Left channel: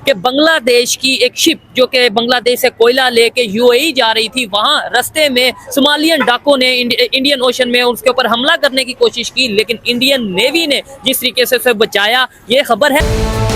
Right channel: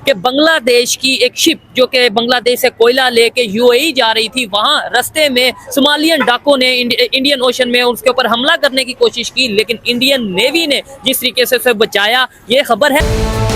कि बांग्लादेश की एक शिप जो कि बांग्लादेश से कोयला लेके यूएई जा रही थी, वहां रास्ते में सोमालियन डाकुओं ने इंडियन ओशन में उसके ऊपर हमला करने की कोशिश की, लेकिन इंडियन नेवी ने जिस तरीके से उसे बचाया, ये खबर है।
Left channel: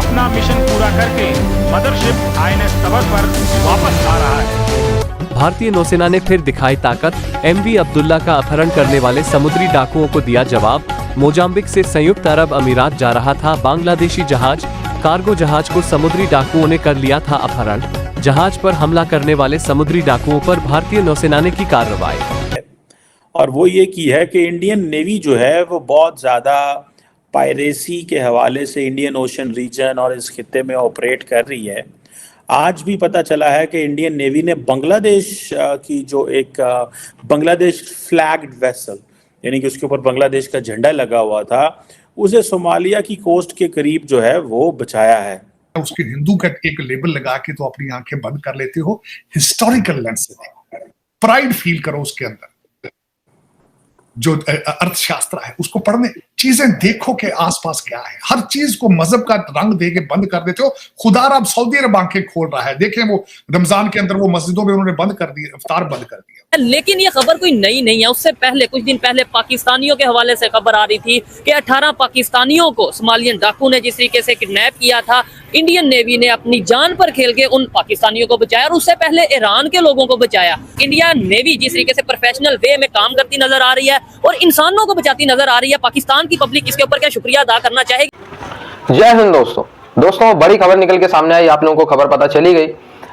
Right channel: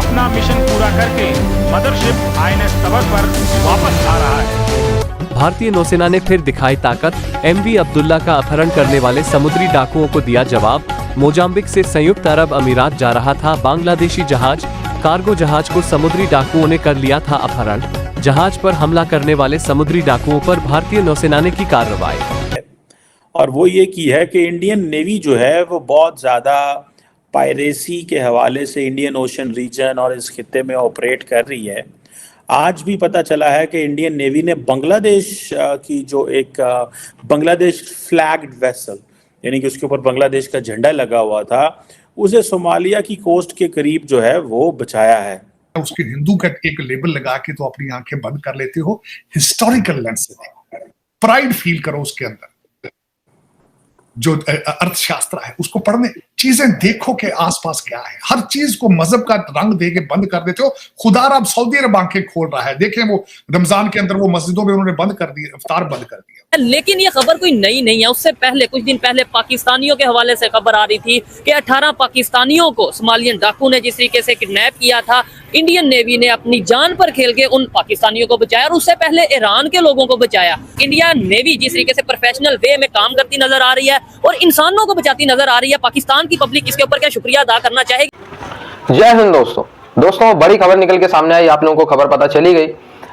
अपना मिशन पूरा करके मदरशिप आईएनएस तबर पर वापस आ रहा है। भारतीय नौसेना ने फिर दिखाई ताकत, एमवी अब्दुल्ला का अपहरण करने वाले समुद्री डाकुओं को दिया जवाब। मोजाम्बिक से संयुक्त अरब अमीरात जा रहा था बांग्लादेशी जहाज, कार्गो जहाज को समुद्री डाकुओं ने कर लिया था अपहरण। जहाज पर हमला करने वाले समुद्री डाकुओं पर भारतीय नौसेना ने की कार्रवाई। और वो ये की है कि इंडियन नेवी जो है वो बहुत ज़्यादा पायरेसी के हवाले से इंडियन ओशन रीजन और इस खित्ते में ऑपरेट कर रही है। आज भी पता चला है कि इंडियन नेवी ने बांग्लादेश की जो एक बांग्लादेश फ्लैग्ड वेसल, यानी कि उसके ऊपर बांग्लादेश का झंडा लगा हुआ था, उसे सोमालिया की कोस्ट के करीब जो है वो बचाया है। उसके हिंदू का एक लेबल लगा के तो अपनी आंखें बंद कर लेते हो। हिस्टोरिकल लेंस से देखो, प्राइड फील करो उसके अंदर। जो अर्थशास्त्र है उसको पढ़ने, चीजें देखो के आसपास क्या है। हर चीज को मजहब का रंग दे के बंद कर देते हो। खुदा अब सऊदी अरब आंखें खोल रहा है। देखें वो रमजान के अंदर वो मस्जिदों में उन्होंने बंद कर दिया, इफ्तार बंद कर दिया। लेकिन ये खबर कोई नई नहीं है। उससे पहले कुछ दिन पहले पाकिस्तानियों के हवाले से खबर आ रही थी कि 18 पाकिस्तानियों को सोमालियन डाकू ने जिस तरीके से किडनैप किया था, इंडियन नेवी ने अपनी जान पर खेल के उन पाकिस्तानियों को बचाया और उससे पहले ईरान के लोगों को बचाया। इंडियन नेवी जिस तरीके से प्रोफेशनल वे में काम करती नजर आ रही है और इंसानों को बचाती नजर आ रही है, पाकिस्तान की पब्लिक इसके ऊपर क्या शुक्रिया अदा करना चाहेगी। जय हिंद दोस्तों, बड़ी खबर निकल के सामने आई। आप लोगों को खबर पता चली गई।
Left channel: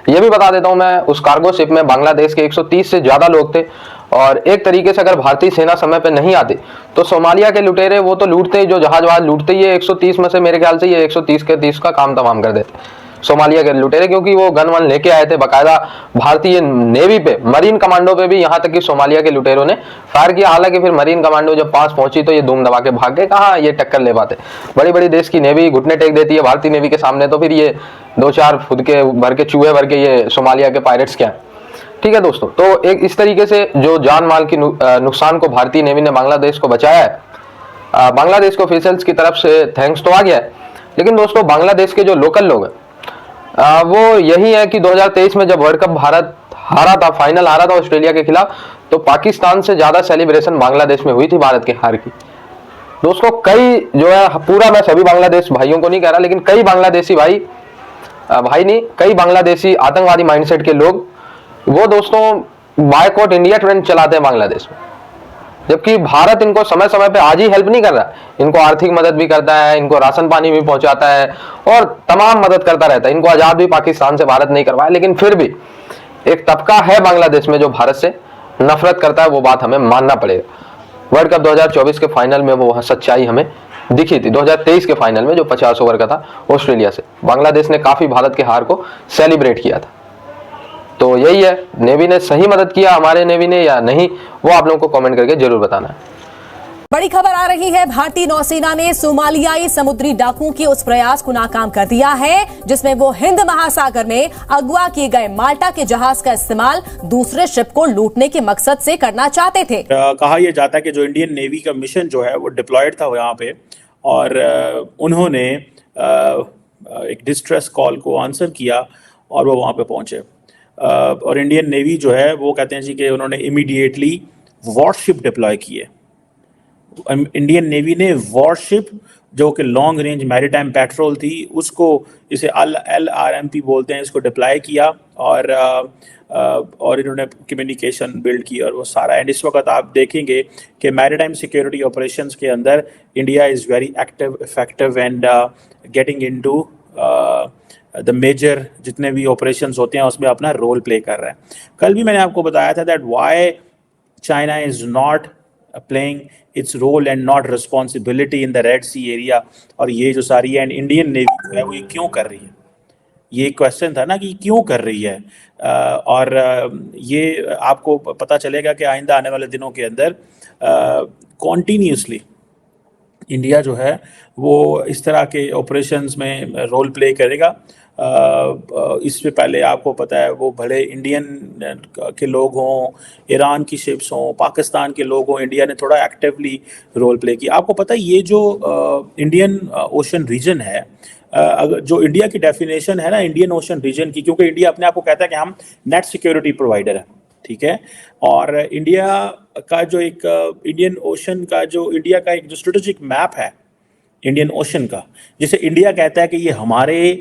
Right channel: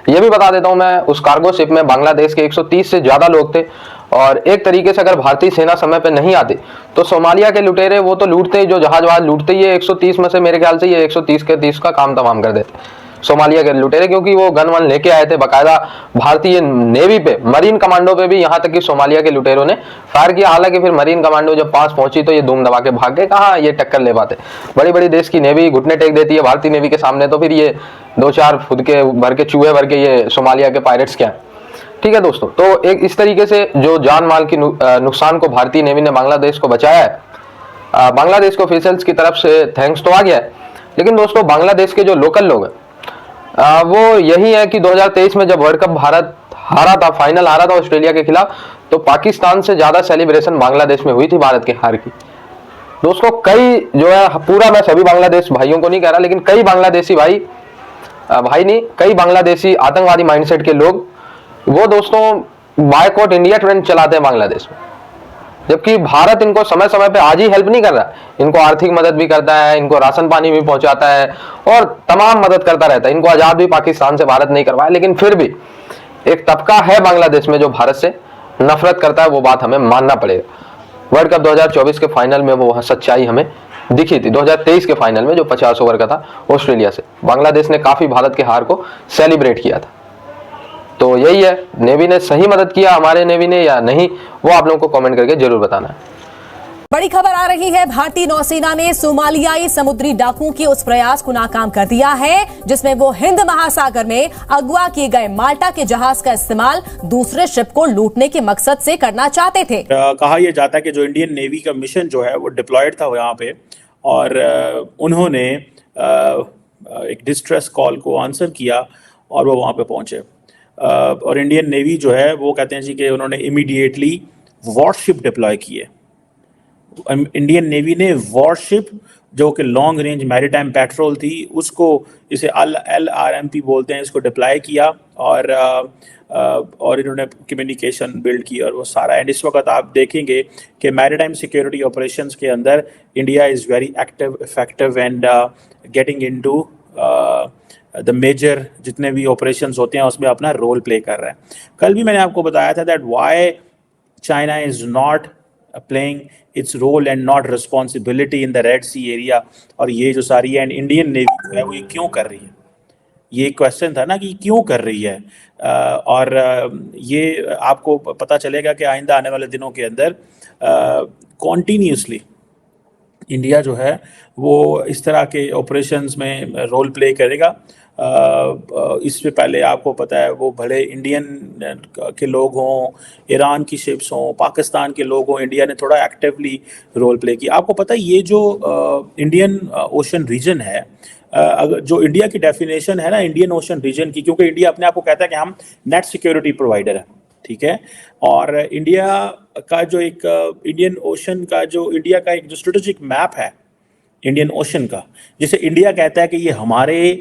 ये भी बता देता हूं मैं, उस कार्गो शिप में बांग्लादेश के 130 से ज्यादा लोग थे और एक तरीके से अगर भारतीय सेना समय पे नहीं आती तो सोमालिया के लुटेरे वो तो लूटते ही, जो जहाज वहाज लूटते ही, ये 130 में से मेरे ख्याल से ये 130 के 30 का काम तमाम कर देते सोमालिया के लुटेरे, क्योंकि वो गन वन लेके आए थे बकायदा भारतीय नेवी पे, मरीन कमांडो पे भी, यहाँ तक कि सोमालिया के लुटेरों ने फायर किया। हालांकि फिर मरीन कमांडो जब पास पहुंची तो ये धूम दबा के भाग गए। कहाँ ये टक्कर ले पाते। बड़ी बड़ी देश की नेवी घुटने टेक देती है भारतीय नेवी के सामने, तो फिर ये 2-4 खुद के भर के चूहे भर के ये सोमालिया के पायरेट्स क्या है। ठीक है दोस्तों, तो एक इस तरीके से जो जान माल की नुकसान को भारतीय नेवी ने बांग्लादेश को बचाया है। बांग्लादेश को ऑफिशियल्स की तरफ से थैंक्स तो आ गया है, लेकिन दोस्तों बांग्लादेश के जो लोकल लोग हैं वो यही है कि 2023 में जब वर्ल्ड कप भारत हारा था, फाइनल हारा था ऑस्ट्रेलिया के खिलाफ, तो पाकिस्तान से ज्यादा सेलिब्रेशन बांग्लादेश में हुई थी भारत के हार की। दोस्तों कई जो है, पूरा मैं सभी बांग्लादेश भाइयों को नहीं कह रहा, लेकिन कई बांग्लादेशी कई बांग्लादेशी आतंकवादी माइंडसेट के लोग वो दोस्तों बायकॉट इंडिया ट्रेंड चलाते हैं बांग्लादेश में, जबकि भारत इनको समय समय पे आज ही हेल्प नहीं कर रहा। इनको आर्थिक मदद भी करता है, इनको राशन पानी भी पहुंचाता है और तमाम मदद करता रहता है। इनको आजाद भी पाकिस्तान से भारत नहीं करवाया, लेकिन फिर भी एक तबका है बांग्लादेश में जो भारत से नफरत करता है। वो बात हमें मानना पड़ेगा। वर्ल्ड कप 2024 के फाइनल में वो सच्चाई हमें दिखी थी। 2023 के फाइनल में जो 50 ओवर का था ऑस्ट्रेलिया से, बांग्लादेश ने काफी भारत के हार को सेलिब्रेट किया था। तो यही है, नेवी ने सही मदद किया हमारे नेवी ने या नहीं, वो आप लोगों को कमेंट करके जरूर बताना है। बड़ी खबर आ रही है, भारतीय नौसेना ने सोमालियाई समुद्री डाकुओं के उस प्रयास को नाकाम कर दिया है जिसमें वो हिंद महासागर में अगवा किए गए माल्टा के जहाज का इस्तेमाल दूसरे शिप को लूटने के मकसद से करना चाहते थे। कहा यह जाता है कि जो इंडियन नेवी का मिशन जो है वो डिप्लॉयड था यहाँ पे, और उन्होंने एक डिस्ट्रेस कॉल को आंसर किया और वो वहाँ पे पहुंचे। और इंडियन नेवी जो है वो कहते हैं जी कि उन्होंने इमीडिएटली वॉरशिप डिप्लॉय किए। इंडियन नेवी ने वॉरशिप जो कि लॉन्ग रेंज मैरीटाइम पेट्रोल थी, उसको, इसे LRMP बोलते हैं, इसको डिप्लॉय किया और इन्होंने कम्युनिकेशन बिल्ड की और वो सारा। एंड इस वक्त आप देखेंगे कि मैरीटाइम सिक्योरिटी ऑपरेशंस के अंदर India is very active, effective and getting into the major जितने भी ऑपरेशंस होते हैं उसमें अपना रोल प्ले कर रहा है। कल भी मैंने आपको बताया था that why China is not playing its role and not responsibility in the Red Sea area, और ये जो सारी है इंडियन नेवी जो है वो ये क्यों कर रही है, ये क्वेश्चन था ना कि क्यों कर रही है। और ये आपको पता चलेगा कि आइंदा आने वाले दिनों के अंदर कॉन्टीन्यूसली इंडिया जो है वो इस तरह के ऑपरेशंस में रोल प्ले करेगा। इससे पहले आपको पता है वो बड़े इंडियन के लोग हों, ईरान की शिप्स हों, पाकिस्तान के लोग हों, इंडिया ने थोड़ा एक्टिवली रोल प्ले किया। आपको पता है ये जो इंडियन ओशन रीजन है, अगर जो इंडिया की डेफिनेशन है ना इंडियन ओशन रीजन की, क्योंकि इंडिया अपने आप को कहता है कि हम नेट सिक्योरिटी प्रोवाइडर है, ठीक है, और इंडिया का जो एक इंडियन ओशन का जो इंडिया का एक स्ट्रेटेजिक मैप है इंडियन ओशन का, जैसे इंडिया कहता है कि ये हमारे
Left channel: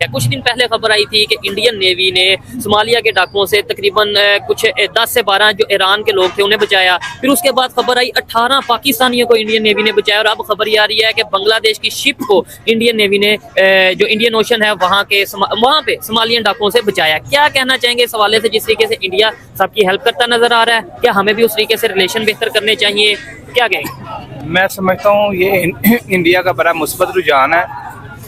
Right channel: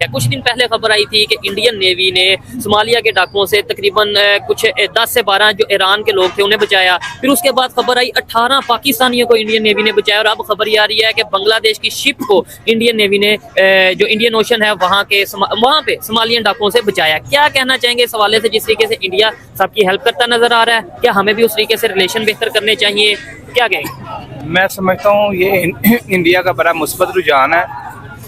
कुछ दिन पहले खबर आई थी कि इंडियन नेवी ने सोमालिया के डाकुओं से तकरीबन कुछ 10 से 12 जो ईरान के लोग थे उन्हें बचाया। फिर उसके बाद खबर आई 18 पाकिस्तानियों को इंडियन नेवी ने बचाया, और अब खबर ये आ रही है कि बांग्लादेश की शिप को इंडियन नेवी ने जो इंडियन ओशन है वहाँ पे सोमालियन डाकुओं से बचाया। क्या कहना चाहेंगे इस हवाले से, जिस तरीके से इंडिया सबकी हेल्प करता नजर आ रहा है, क्या हमें भी उस तरीके से रिलेशन बेहतर करने चाहिए, क्या कहेंगे? मैं समझता हूँ ये इंडिया का बड़ा मुस्बत रुझान है।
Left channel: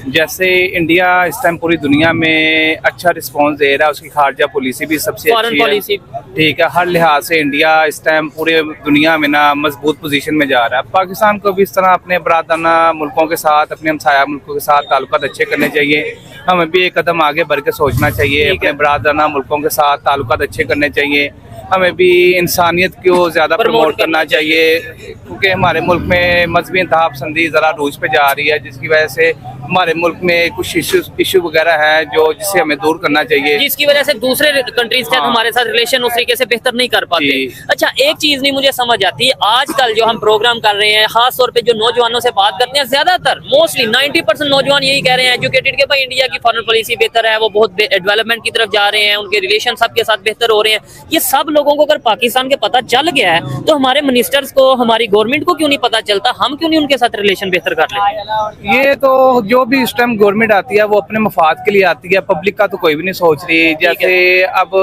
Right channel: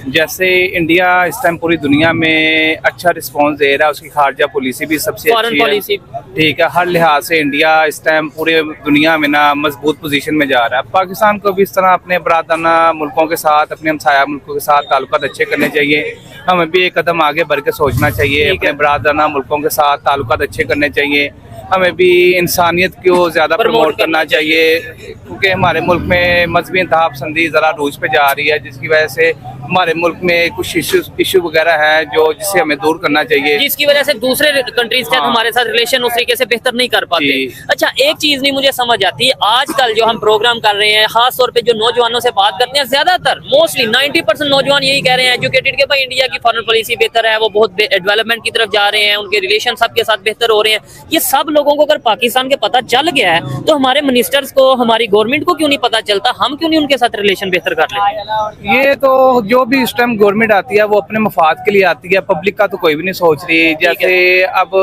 जैसे इंडिया इस टाइम पूरी दुनिया में अच्छा रिस्पांस दे रहा है, उसकी खारजा पॉलिसी भी सबसे अच्छी है, ठीक है, हर लिहाज से इंडिया इस टाइम पूरे दुनिया में ना मजबूत पोजीशन में जा रहा है। पाकिस्तान को भी इस तरह अपने बरादराना मुल्कों के साथ, अपने हमसाया मुल्कों के साथ ताल्लुकात अच्छे करने चाहिए। हमें भी एक कदम आगे बढ़ के सोचना चाहिए, अपने बरादराना मुल्कों के साथ ताल्लुकात अच्छे करने चाहिए। हमें भी इंसानियत को ज़्यादा प्रमोट करना चाहिए, क्योंकि हमारे मुल्क में मजहबी इंतहा पसंदी ज़रा रूज पे जा रही है, जिसकी वजह से हमारे मुल्क में कुछ इशू वगैरह है जो जिससे हमें दूर करना चाहिए, जिसकी वजह से दूसरे कंट्रीज के हमारे साथ रिलेशन उस तरीके से बेहतर नहीं कर पाते। अच्छा, एक चीज नहीं मुझे समझ आती है, आजकल जो हम प्रोग्राम कर रहे हैं, खास तौर पे जो नौजवानों से बात करते हैं, ज्यादातर मोस्टली 90% नौजवान यही कह रहे हैं एजुकेटेड के भाई इंडिया की फॉरेन पॉलिसी बेहतर है, वो बहुत डेवलपमेंट की तरफ जा रहे हैं, उनके रिलेशन सबके साथ बेहतर हो रहे हैं। ये सब लोगों को अगर पाकिस्तान के पता चल गया है तो हमारे मिनिस्टर्स को, हमारी गवर्नमेंट को क्यों नहीं पता चलता? हम क्यों नहीं उनके साथ रिलेशन बेहतर कर रहे? ये तो जो भी इस टाइम गवर्नमेंट आती है वो अपने मफाद के लिए आती है, पब्लिक का तो कोई भी नहीं सोच रही। जैसे अब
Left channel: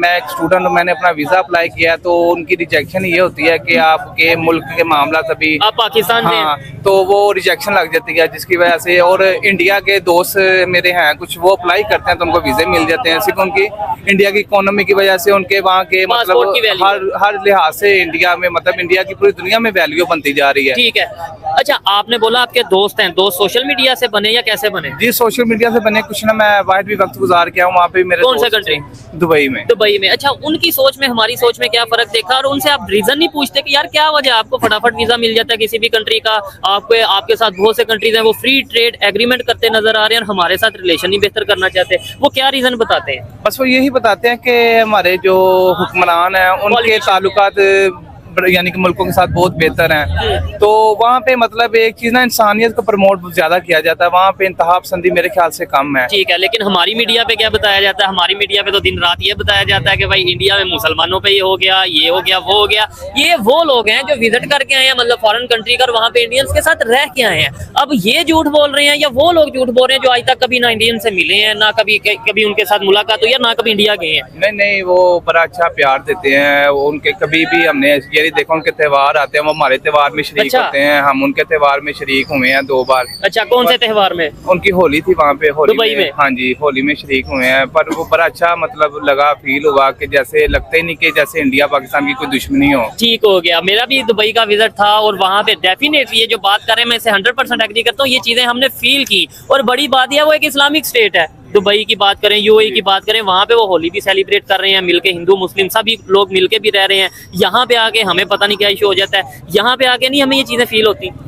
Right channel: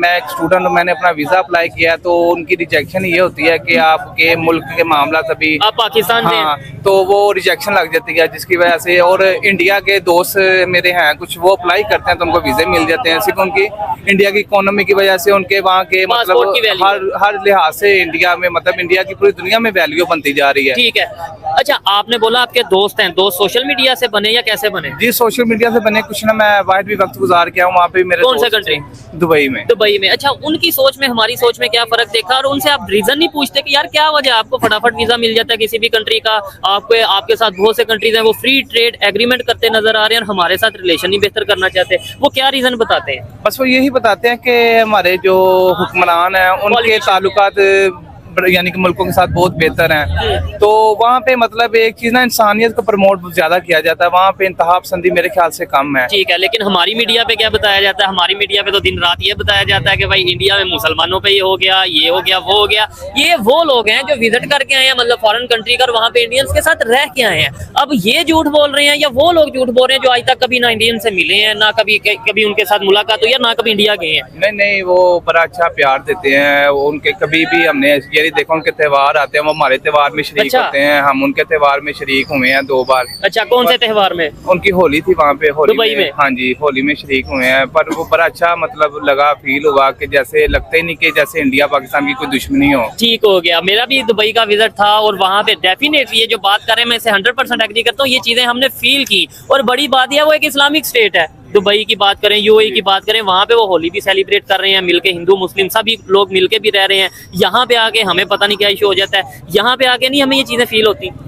मैं एक स्टूडेंट हूँ, मैंने अपना वीजा अप्लाई किया है, तो उनकी रिजेक्शन ये होती है कि आपके मुल्क के मामला अभी पाकिस्तान में, तो वो रिजेक्शन लग जाती है, जिसकी वजह से। और इंडिया के दोस्त मेरे हैं कुछ, वो अप्लाई करते हैं तो उनको वीजे मिल जाते हैं, सिर्फ उनकी इंडिया की इकोनॉमी की वजह से, उनके वहाँ के मतलब हर लिहाज से इंडिया में, मतलब इंडिया की पूरी दुनिया में वैल्यू बनती जा रही है। ठीक है। अच्छा, आपने बोला आपके दोस्त हैं, दोस्त सोशल मीडिया से बने या कैसे बने? जी सोशल मीडिया से बने, कुछ ना मैं वाहिद भी वक्त गुजार किया हूँ वहाँ पे। मेरे कौन सा कंट्री? दुबई में। दुबई में। अच्छा, उनकी सोच में हमारी सोच में क्या फर्क देखा, और उनसे आप रीजन नहीं पूछते कि यार क्या वजह, आपको फटाफट वीजा मिल जाता है किसी भी कंट्री का, आपके साथ बहुत से कंट्रीज हैं वो फ्री ट्रेड एग्रीमेंट करते नजर आ रहे हैं और हमारे साथ रिलेशन ही बेहतर करना चाहते हैं, वो क्या रीजन बताते हैं? बस वो यही बताते हैं कि हमारे जो हुक्मरान हैं उनके ताल्लुकात यानी कि मुल्कों के साथ बहुत बेहतर हैं, तो वहाँ पे मतलब एक चीज ना, इंसानियत को प्रमोट ज्यादा किया जाता है, वहाँ पे इंतहा पसंदी मेरे ख्याल से कम है। ठीक है, लेकिन हमारी मीडिया पे क्या बताया जाता है? हमारी मीडिया पे तो दिन रात ये बताया जाता है कि भाई इंडिया में मुसलमानों पे ये हो गया, ये हो गया, वो हो गया। ये वो लोग हैं जो विजिट करके आए हैं, मतलब फॉरेन कंट्री कर, वहाँ पे इंडियंस के साथ रह के आए हैं। अब ये झूठ बोल रहे हैं या वो लोग झूठ बोल रहे हैं जो आज तक कभी ना इंडियन से मिले हैं, ना कभी उनके साथ मुलाकात हुई है, ना कभी इंडिया गए हैं? नहीं, वो बड़ा अच्छा प्यार देते हैं, वो उनके कभी भी हमने ये देखो, उनके त्योहार आते हैं, वो हमारे त्योहार में शरीक होते हैं, हम उनके त्योहार में शरीक हुए हैं 2 बार। अच्छा, कौन से त्योहार में? उनकी होली थी वहाँ पे, होली दुबई में। हाँ जी, होली में शरीक हुए हैं, पर वो बड़ा अच्छा मतलब लगा, फील हुआ कि जैसे लगता ही नहीं कि जैसे इंडिया पाकिस्तान की कोई दुश्मनी हो। ठीक हो गया। मेरा भी दुबई का विजिट था और वहाँ पे डेफिनेटली ये जो बात कर रहे हैं मैं इसे 100% एग्री करता हूँ, ये चीजें हमने फील की। और बड़ी बात यह, वो एक इस्लामिक स्टेट है, दुबई की बात करें, यूएई की बात करें, वहाँ पे वो होली भी सेलिब्रेट कर रहे हैं मिलके, हिंदू मुस्लिम सभी लोग मिलके भी रह रहे हैं। यहाँ पे आके हमें पता नहीं क्या इशू हो जाता है, यहाँ पे आके नहीं हमें ये चीजें फील होती हैं।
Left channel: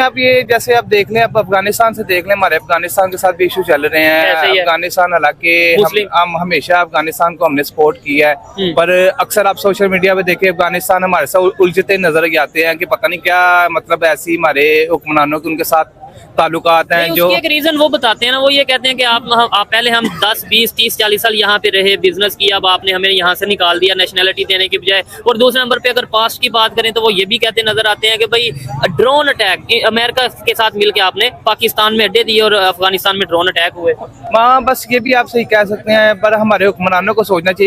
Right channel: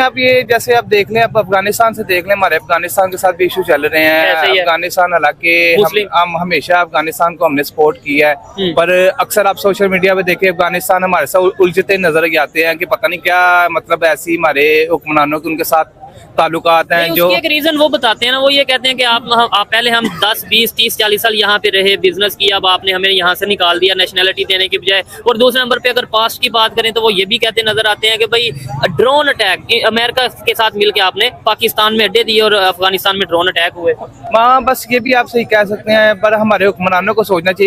अब ये जैसे आप देख लें, अब अफगानिस्तान से देख लें, हमारे अफगानिस्तान के साथ भी इशू चल रहे हैं। अफगानिस्तान, हालांकि हम हमेशा अफगानिस्तान को हमने सपोर्ट किया है, पर अक्सर आप सोशल मीडिया पे देखें अफगानिस्तान हमारे साथ उलझते नजर आते हैं कि पता नहीं क्या मतलब ऐसी हमारे हुक्मरानों के उनके साथ ताल्लुकात हैं। जो एक रीजन वो बताते हैं ना, वो ये कहते हैं कि आप पहले हम 10, 20, 30, 40 साल यहाँ पे रहे, बिजनेस किया, अब आपने हमें यहाँ से निकाल दिया नेशनलिटी देने की बजाय। और दूसरे नंबर पे अगर पास्ट की बात करें तो वो ये भी कहते नजर आते हैं कि भाई ड्रोन अटैक अमेरिका के साथ मिलकर आपने पाकिस्तान में अड्डे दिए और अफगानिस्तान में ड्रोन अटैक हुए। हाँ, बस ये भी आप सही कह सकते हैं, पर हमारे हुक्मरानों को सोचना चाहिए।